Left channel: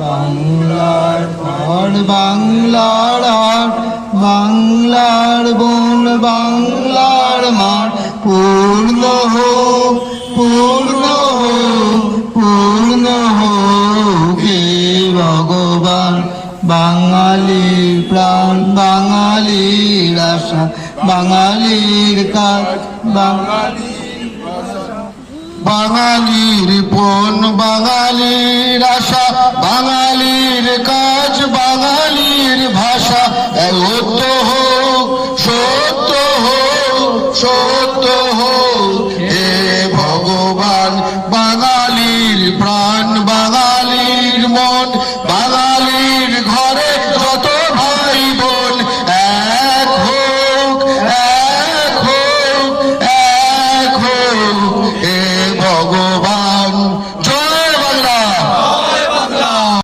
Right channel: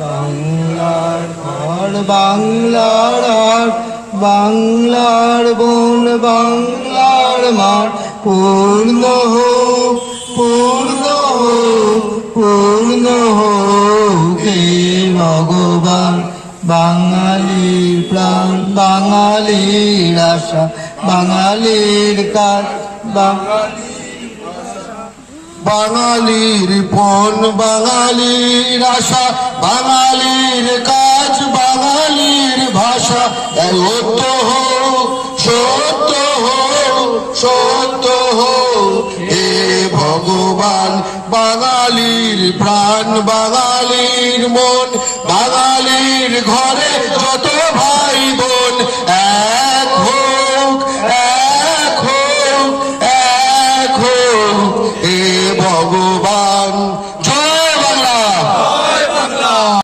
বাংলার ঘর বাংলার হাট বাংলার বন বাংলার মাঠ পূর্ণ হোক পূর্ণ হোক পূর্ণ হোক হে ভগবান। বাঙালির প্রাণ বাঙালির আশা বাঙালির কাজ বাঙালির পণ বাঙালির আশা বাঙালির কাজ বাঙালির ভাষা সত্য হোক সত্য হোক সত্য হোক হে ভগবান। বাঙালির প্রাণ বাঙালির মন বাঙালির ঘরে